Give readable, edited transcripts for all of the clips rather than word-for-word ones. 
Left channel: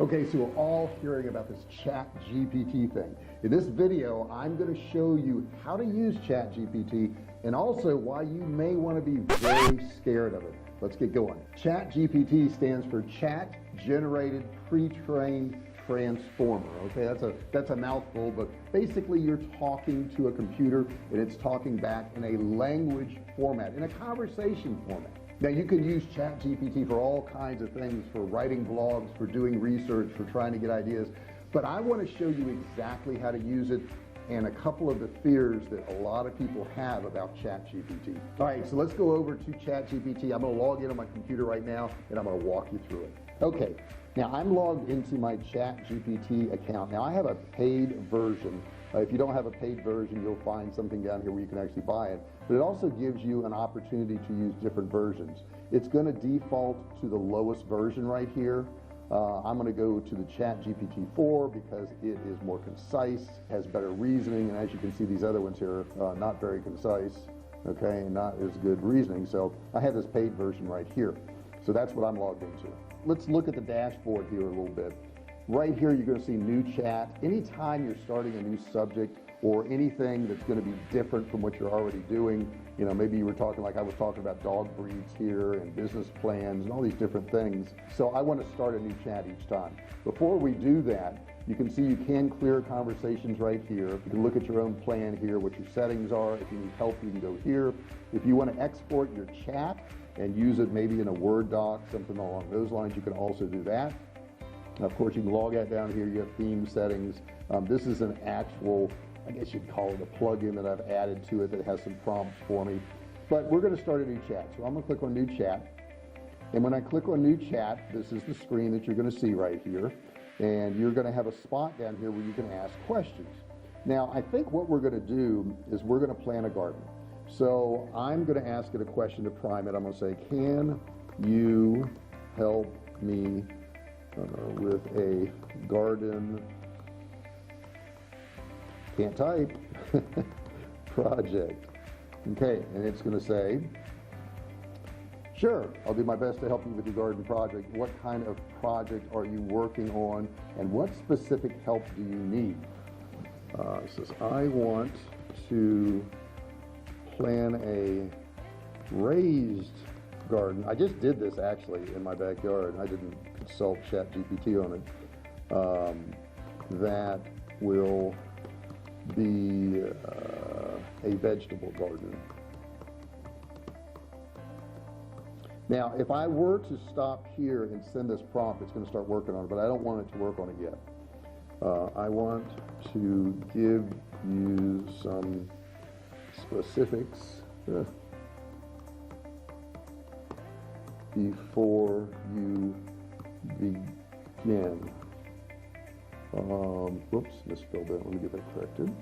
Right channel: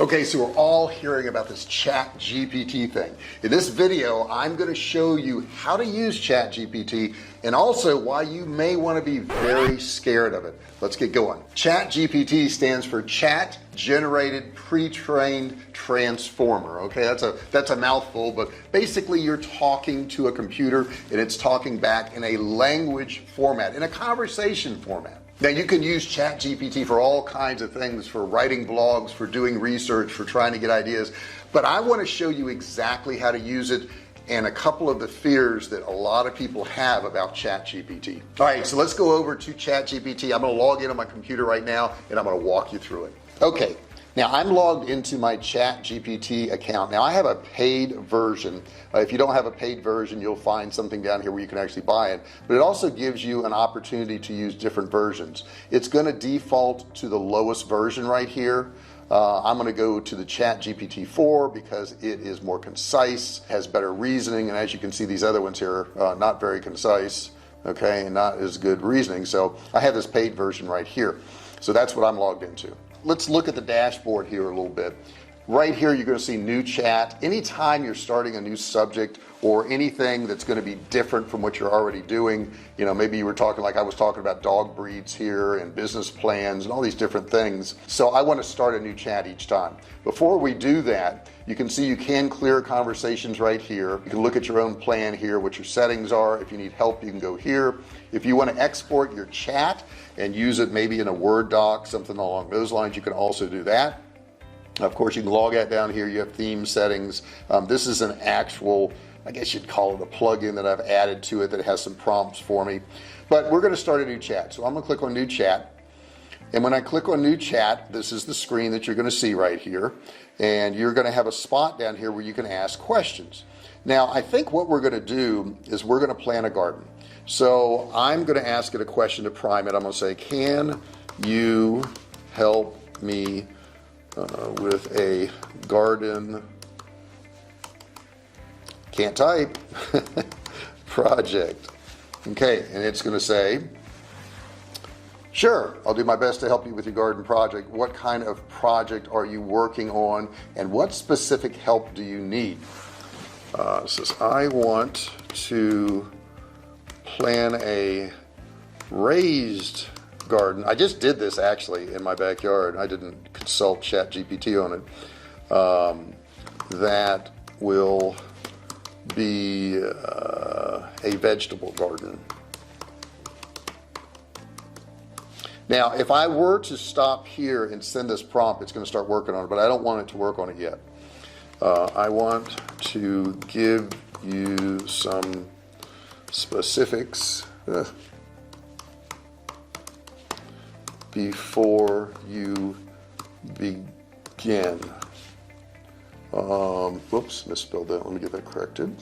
Okay, so we're all hearing about this ChatGPT thing. In this video, I'm going to show you how to use ChatGPT and also why you may want to be very scared of it. Let's get going. ChatGPT stands for Chat Generated Pre-trained Transformer. Okay, that's a mouthful, but basically you're talking to a computer and it's talking back in a language format, in a conversation format. Now you can use ChatGPT for all kinds of things, for writing blogs, for doing research, for trying to get ideas, but I want to show you exactly how to use it and a couple of the fears that a lot of people have about ChatGPT. All right, so let's go over to ChatGPT. I'm going to log in on my computer right now and I'm going to walk you through it. Okay, now I'm logged into my ChatGPT account. Now I have a paid version. If you don't have a paid version, you'll find something down here where you can actually buy it, but it also gives you an opportunity to use different versions. It's going to default to the lowest version right here. I'm going to go to the ChatGPT 4 because it is more concise, has better reasoning, and as you can see, these other ones here not very concise, okay, and not as good reasoning. So I have this paid version right here, so that's what I'm logged into. Let's look at the dashboard here a little bit. Right here you're going to see new chat. Anytime you're starting a new subject or anything that's going to be different from what you're already doing, you know, maybe you were talking, like I was talking about dog breeds here and business plans and all these different things, so I want to start a new chat each time. Before we do that, you can see you can clear conversations right here. You can look at your own plan here, what your settings are. If you need help, you can go here. If you want to export your chat and use it maybe in a Word doc, something along those lines, you can also do that. Of course, you can log that down here. You have theme settings. This is an actual, I guess you'd call it a plugin that I've added to it that has some prompts for me, but we're going to start a new chat. So I'm going to click on new chat, and when I click on new chat, this is the screen that you're going to see right here, and you're going to have a spot down here where you can ask questions. Now I think what we're going to do is we're going to plant a garden. So I'm going to ask it a question to prime it. I'm going to say, can you help me with a garden, can't type, project. Okay, and it's going to say, sure, I'll do my best to help you with your garden project. What kind of project are you working on and what specific help do you need? It says, I want to plan a raised garden. I just did this actually in my backyard. I didn't consult ChatGPT on it. That will be a vegetable garden. Now if I were to stop here and send this prompt, it's going to start working on it, but I don't want it to work on it yet. I want to give you some specifics before you begin. Whoops, misspelled that. Let me get that corrected.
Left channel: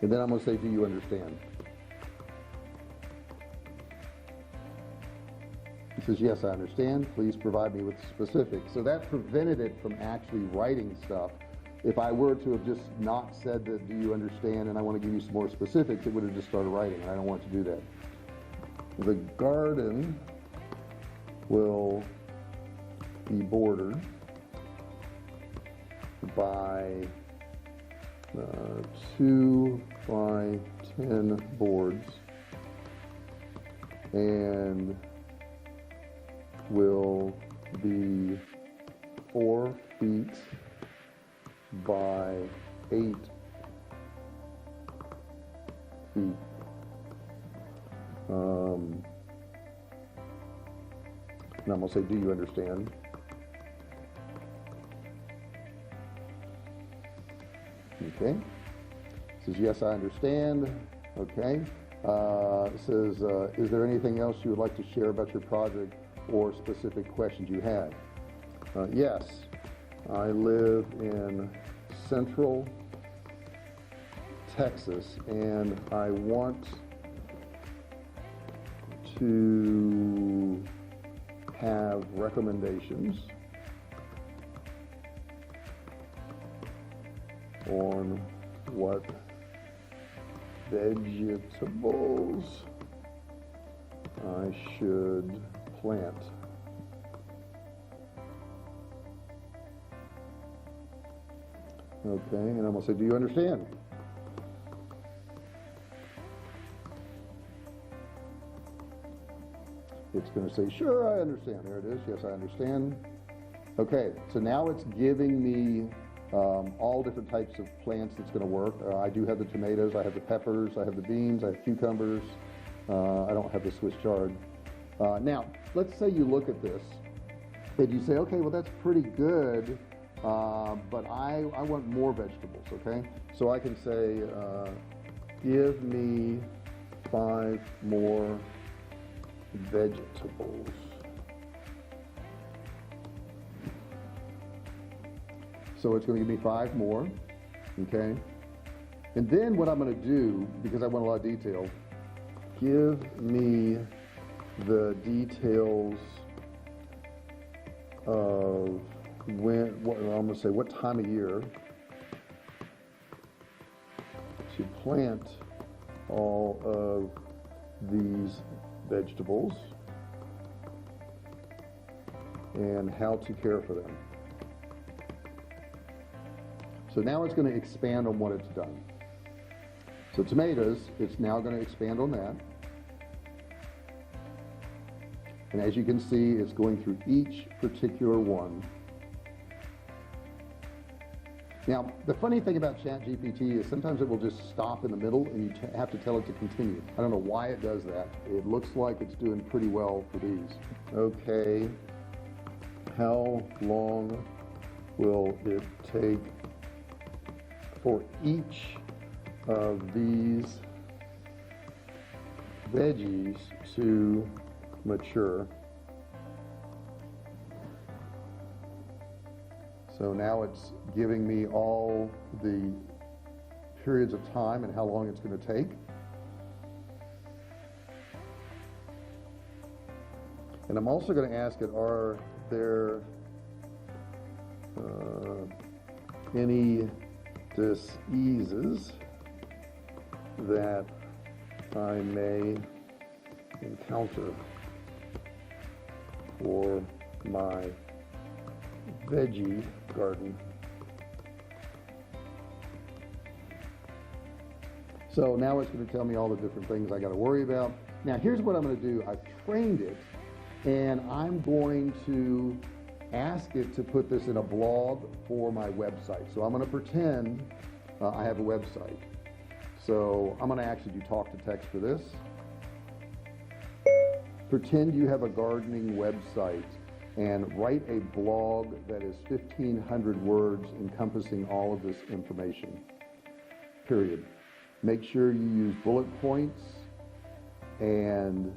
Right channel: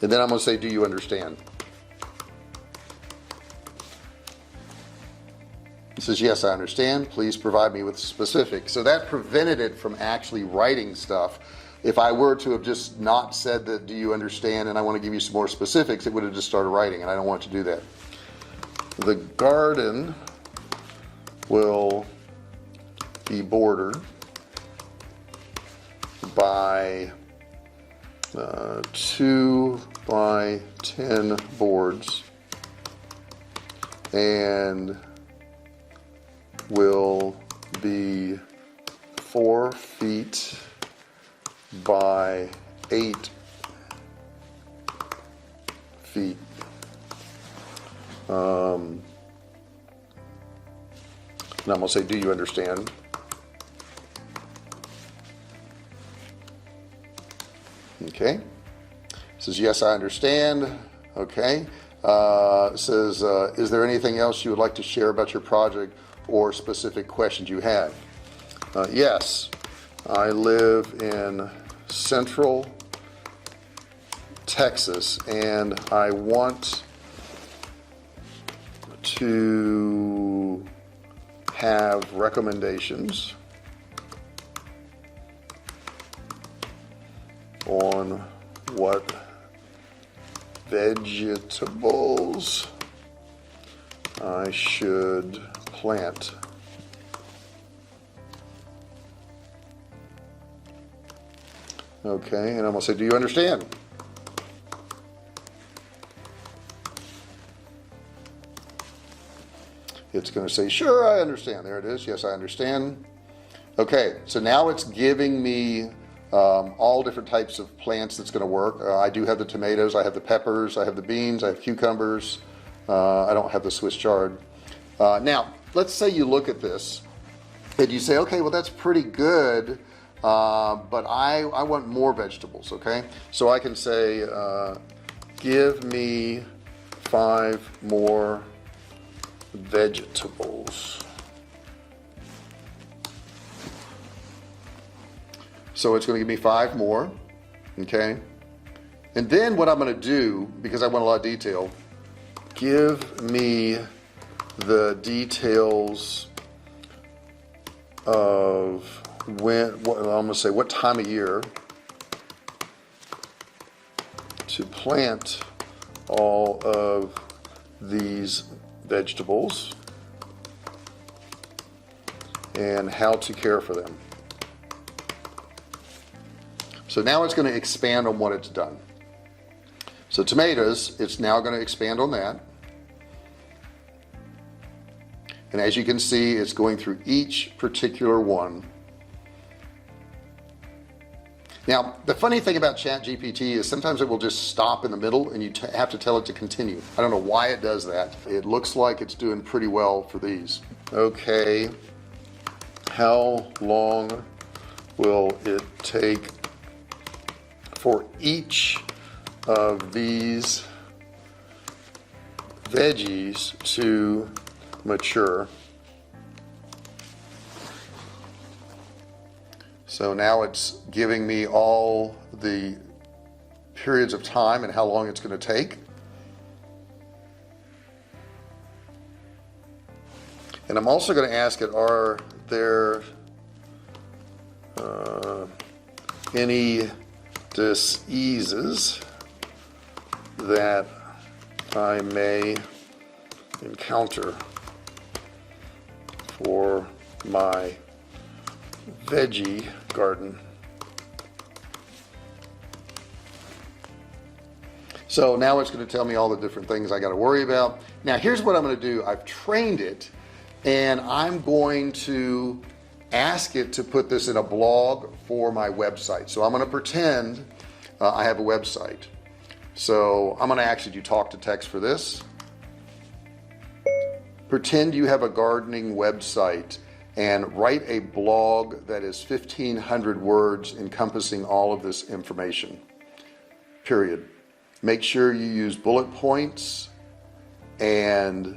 And then I'm going to say, do you understand? It says, yes, I understand. Please provide me with specifics. So that prevented it from actually writing stuff. If I were to have just not said that, do you understand, and I want to give you some more specifics, it would have just started writing, and I don't want to do that. The garden will be bordered by 2 by 10 boards and will be 4 feet by 8 feet. And I'm going to say, do you understand? Okay. It says, yes, I understand. Okay. It says, is there anything else you would like to share about your project or specific questions you have? Yes, I live in Central Texas and I want to have recommendations on what vegetables I should plant. Okay, and I'm gonna say, do you understand? It's going to say, sure, I understand. There it is. Yes, I understand. Okay, so now it's giving me all different types of plants that's going to work. I do have the tomatoes, I have the peppers, I have the beans, I have cucumbers. I don't have the Swiss chard. Now, let's say you look at this and you say, okay, well, that's pretty good, but I want more vegetables, okay? So I can say, give me 5 more vegetables. So it's going to give me 5 more, okay? And then what I'm going to do, because I want a lot of detail, give me the details of when, I'm going to say what time of year to plant all of these vegetables and how to care for them. So now it's going to expand on what it's done. So tomatoes, it's now going to expand on that. And as you can see, it's going through each particular one. Now, the funny thing about ChatGPT is sometimes it will just stop in the middle and you have to tell it to continue. I don't know why it does that. It looks like it's doing pretty well for these. Okay, how long will it take for each of these veggies to mature? So now it's giving me all the periods of time and how long it's going to take. And I'm also going to ask it, are there any diseases that I may encounter for my veggie garden? So now it's going to tell me all the different things I got to worry about. Now here's what I'm going to do. I've trained it and I'm going to ask it to put this in a blog for my website. So I'm going to pretend I have a website. So I'm going to actually do talk to text for this. Pretend you have a gardening website and write a blog that is 1,500 words encompassing all of this information, period. Make sure you use bullet points and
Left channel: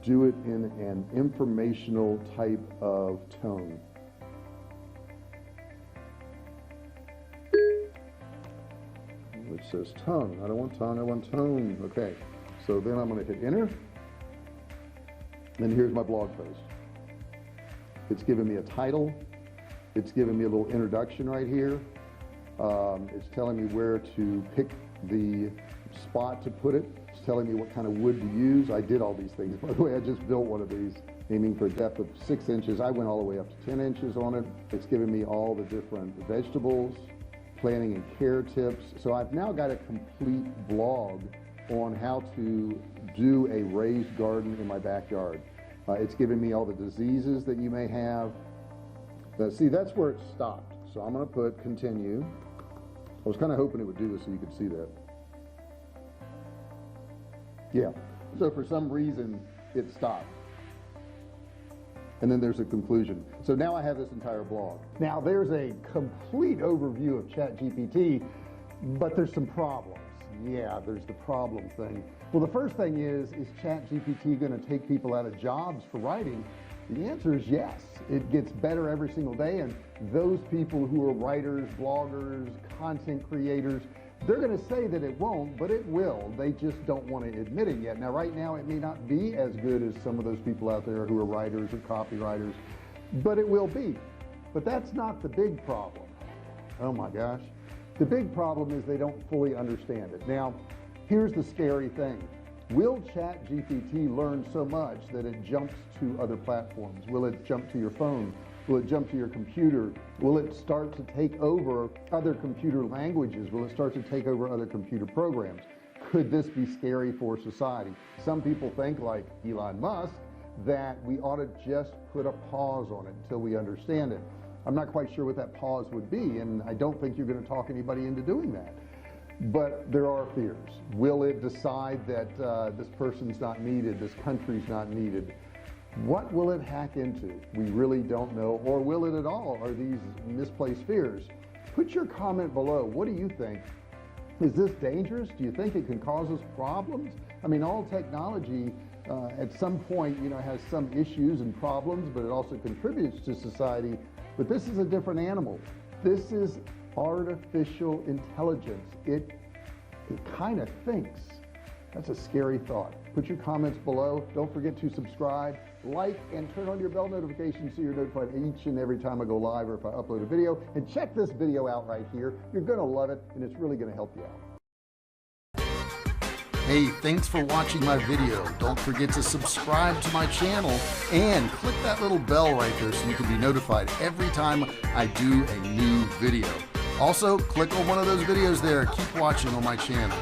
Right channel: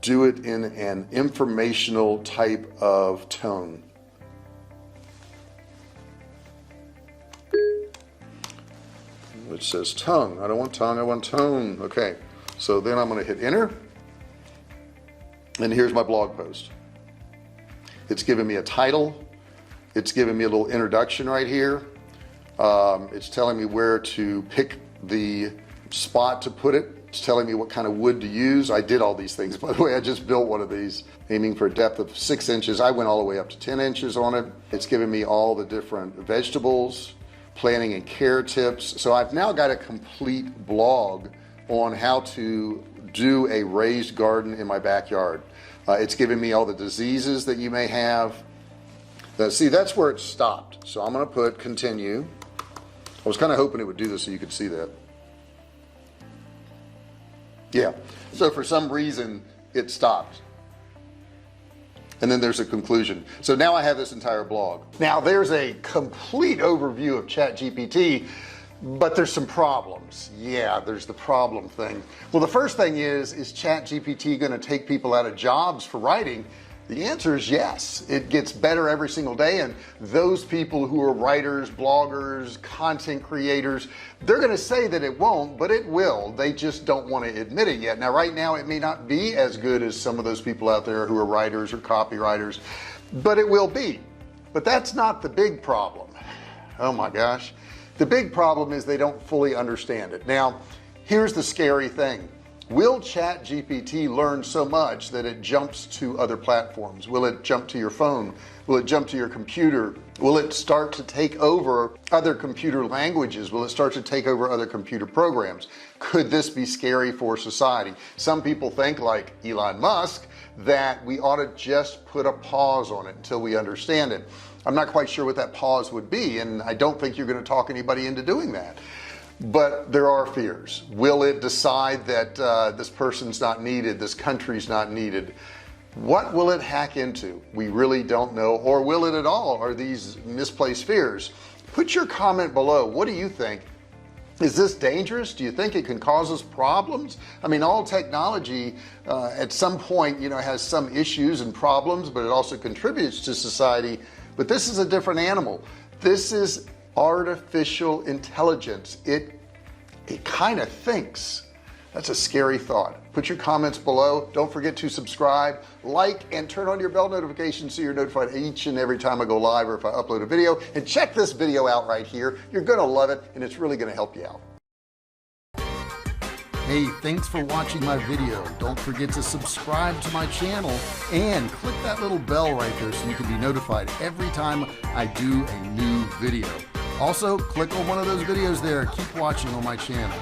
do it in an informational type of tone. Which says tongue. I don't want tongue, I want tone. Okay, so then I'm going to hit enter. And here's my blog post. It's giving me a title. It's giving me a little introduction right here. It's telling me where to pick the spot to put it. It's telling me what kind of wood to use. I did all these things, by the way. I just built one of these, aiming for a depth of 6 inches. I went all the way up to 10 inches on it. It's giving me all the different vegetables, planting and care tips. So I've now got a complete blog on how to do a raised garden in my backyard. It's giving me all the diseases that you may have. See, that's where it stopped. So I'm going to put continue. I was kind of hoping it would do this so you could see that. Yeah, so for some reason it stopped. And then there's a conclusion. So now I have this entire blog. Now there's a complete overview of ChatGPT, but there's some problems. Yeah, there's the problem thing. Well, the first thing is ChatGPT going to take people out of jobs for writing? The answer is yes. It gets better every single day, and those people who are writers, bloggers, content creators, they're going to say that it won't, but it will. They just don't want to admit it yet. Now right now it may not be as good as some of those people out there who are writers or copywriters, but it will be. But that's not the big problem. Oh my gosh. The big problem is they don't fully understand it. Now here's the scary thing. Will ChatGPT learn so much that it jumps to other platforms? Will it jump to your phone? Will it jump to your computer? Will it start to take over other computer languages? Will it start to take over other computer programs? Could this be scary for society? Some people think, like Elon Musk, that we ought to just put a pause on it until we understand it. I'm not quite sure what that pause would be, and I don't think you're going to talk anybody into doing that. But there are fears. Will it decide that this person's not needed, this country's not needed? What will it hack into? We really don't know. Or will it at all? Are these misplaced fears? Put your comment below. What do you think? Is this dangerous? Do you think it can cause us problems? I mean, all technology at some point, you know, has some issues and problems, but it also contributes to society. But this is a different animal. This is artificial intelligence. It kind of thinks. That's a scary thought. Put your comments below. Don't forget to subscribe, like, and turn on your bell notifications so you're notified each and every time I go live or if I upload a video. And check this video out right here. You're gonna love it, and it's really gonna help you out. Hey, thanks for watching my video. Don't forget to subscribe to my channel and click that little bell right there so you can be notified every time I do a new video. Also, click on one of those videos there. Keep watching on my channel.